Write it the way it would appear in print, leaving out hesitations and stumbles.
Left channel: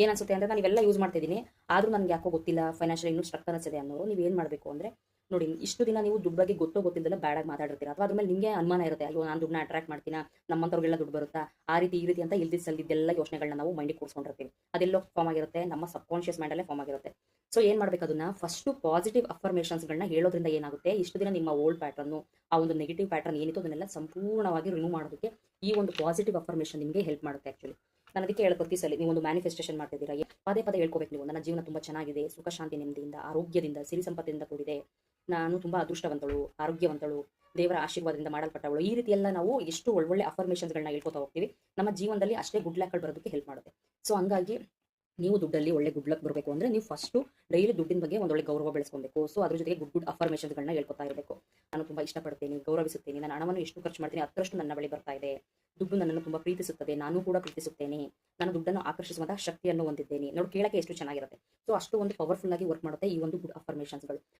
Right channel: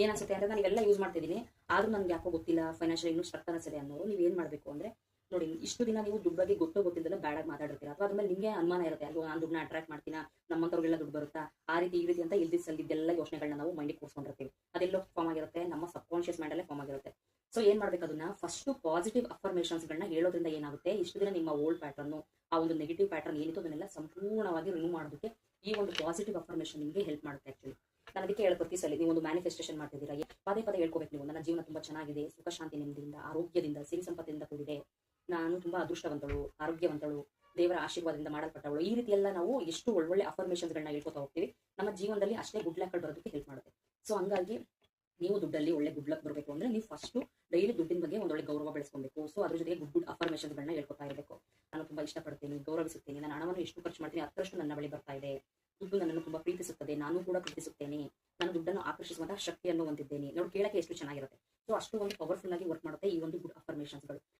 ಏನ್ ಅನ್ಸುತ್ತೆ ಅಂದ್ರೆ ನಾನು ಇವೆಲ್ಲ ಯೂಸ್ ಮಾಡ್ತಿದ್ದೀನಿ, ಆದ್ರೂ ನನ್ಗೆ ಯಾಕೋ ಗೊತ್ತಿಲ್ಲ, ಫೈನಾನ್ಷಿಯಲ್ ಇನ್ನೂ ಸ್ಟ್ರಕ್ ಅನಿಸಿದೆ ಅನ್ನೋರು ನೀವು ಏನ್ ಮಾಡಬೇಕು ಅಂದ್ರೆ, ನೋಡಿ ಇಷ್ಟು ದಿನ ನೀವು ದುಡ್ಡು ಬಗ್ಗೆ ಗೊತ್ತೋ ಗೊತ್ತಿದ್ದಲ್ಲ ಬ್ಯಾಡಾಗಿ ಮಾತಾಡಿರ್ತೀರಾ, ಅಥವಾ ಅದ್ರ ಮೇಲೆ ನಿಮಗೆ ಅನುಮಾನ ಇರುತ್ತೆ, ಅಯ್ಯೋ ನಾನು ದುಡ್ಡನ್ನ ಅಟ್ರಾಕ್ಟ್ ಮಾಡ್ತೀನಾ, ನಮ್ಮಂತವ್ರಿಗೆಲ್ಲ ದುಡ್ಡು ಬರುತ್ತಾ, ಆ ರೀತಿ ಈ ರೀತಿ ಅಂತ ಇಲ್ದಿದ್ ಸಲ್ದಿದ್ದೆಲ್ಲ ಯೋಚನೆಗಳನ್ನ ನಾವು ಮೈಂಡಿಗೆ ಕೂರ್ಸ್ಕೊಂಡಿರ್ತೀವಿ. ಅದೆಲ್ಲೋ ಫಾರ್ಮ್ ಆಗಿರುತ್ತೆ, ನಮ್ಮ ಸಬ್ ಕಾನ್ಶಿಯಸ್ ಮೈಂಡಲ್ಲೇ ಫಾರ್ಮ್ ಆಗಿರುತ್ತೆ. ಸೊ ಏನ್ ಮಾಡ್ಬೇಕು, ಅದನ್ನ ಫಸ್ಟ್ ಪಾಸಿಟಿವ್ ಅಫರ್ಮೇಷನ್ಸ್ಗಳನ್ನ ಹೇಳೋದ್ರಿಂದ ಏನಾಗುತ್ತೆ, ಇಷ್ಟು ದಿನ ನಿಮ್ಮ ಓಲ್ಡ್ ಪ್ಯಾಟರ್ನ್, ಆ ಒಂದು ನೆಗೆಟಿವ್ ಪ್ಯಾಟರ್ನ್ ಏನಿತ್ತು ಅದನ್ನೆಲ್ಲ ಸಂಪೂರ್ಣವಾಗಿ ರಿಮೂವ್ ಮಾಡೋದಕ್ಕೆ ಈ ಒಂದು ಪಾಸಿಟಿವ್ ಅಫರ್ಮೇಷನ್ ನಿಮಗೆ ಹೆಲ್ಪ್ ಮಾಡುತ್ತೆ. ಆಕ್ಚುಲಿ ನಾನು ಅದಕ್ಕೆ ಹೇಳ್ಕೊಡ್ತೀವಿ, ಸಲ ನೀವು ಒಂದು ಮ್ಯಾನಿಫೆಸ್ಟೇಷನ್ ಮಾಡ್ತಿದ್ದೀರಾ, ಪದೇ ಪದೇ ಹೇಳ್ಕೋಬೇಕು ನೀವು, ನನ್ನ ಜೀವನ ತುಂಬಾ ಚೆನ್ನಾಗಿದೆ, ಸುಖ ಶಾಂತಿ ನೆಮ್ಮದಿಯಿಂದ ಆರೋಗ್ಯದಿಂದ ಸಿರಿ ಸಂಪತ್ತಿಂದ ಕೂಡಿದೆ, ನಾನು ತುಂಬಾ ಅದೃಷ್ಟವಂತಳು, ಆರೋಗ್ಯವಂತಳು, ದೇವರ ಆಶೀರ್ವಾದದಿಂದ ಮಾಡಲ್ಪಟ್ಟವಳು. ಈ ರೀತಿ ಎಲ್ಲ ನಾವು ಎಷ್ಟು ಒಳ್ಳೊಳ್ಳೆ ಅಫರ್ಮೇಷನ್ಸ್ಗಳನ್ನ ಹೇಳ್ಕೊತಾ ಹೋಗ್ತೀವಿ, ನಮ್ಮ ಜೀವನದಲ್ಲಿ ಅಷ್ಟೇ ಗುಡ್ ಲಕ್ಗಳು ಬರೋದಕ್ಕೆ ಹೆಲ್ಪ್ ಮಾಡುತ್ತೆ. ಸೊ ಹಂಗಾಗಿ ನೀವು ದುಡ್ಡಲ್ಲಿ ಒಳ್ಳೆ ಗುಡ್ ಲಕ್ ಬರಬೇಕು ಅಂದ್ರೆ ನೀವು ಫಸ್ಟ್ ಡೈಲಿ ದುಡ್ಡಿನ ಬಗ್ಗೆ ಒಂದೊಳ್ಳೆ ಗೌರವ ಬೆಳೆಸ್ಕೊಬೇಕು. ಸೊ ಅದ್ರ ಜೊತೆಗೆ ಗುಡ್ ಅಫರ್ಮೇಷನ್ಸ್ಗಳನ್ನ ಹೇಳ್ಕೊತಾ ಇರಬೇಕು. ನಾನು ತುಂಬಾ ಇಷ್ಟಪಡ್ತೀನಿ, ಗೌರವಿಸುತ್ತೇನೆ, ನನ್ನ ಹಣವನ್ನು ಎಷ್ಟು ಖರ್ಚು ಮಾಡ್ತೀನಿ ಅಷ್ಟರಷ್ಟು ನನ್ನ ಬಳಿ ಬರ್ತಾ ಇದೆ, ದುಡ್ಡು ನನ್ನನ್ನು ತುಂಬಾ ಪ್ರೀತಿಸುತ್ತದೆ, ನಾನು ಕೂಡ ಪ್ರೀತಿಸುತ್ತೇನೆ, ನಾನು ದುಡ್ಡನ್ನು ಆಕರ್ಷಿಸುವಂತಹ ಶಕ್ತಿಯನ್ನು ಹೊಂದಿದ್ದೇನೆ. ನೋಡಿ ಕೇಳಕ್ಕೆ ಎಷ್ಟು ಚೆನ್ನಾಗಿರುತ್ತೆ. ಸೊ ಅಷ್ಟು ಒಂದು ಪವರ್ಫುಲ್ ಆಗಿ ವರ್ಕ್ ಮಾಡುತ್ತೆ ಈ ಒಂದು ಗುಡ್ ಅಫರ್ಮೇಷನ್ಸ್ಗಳು.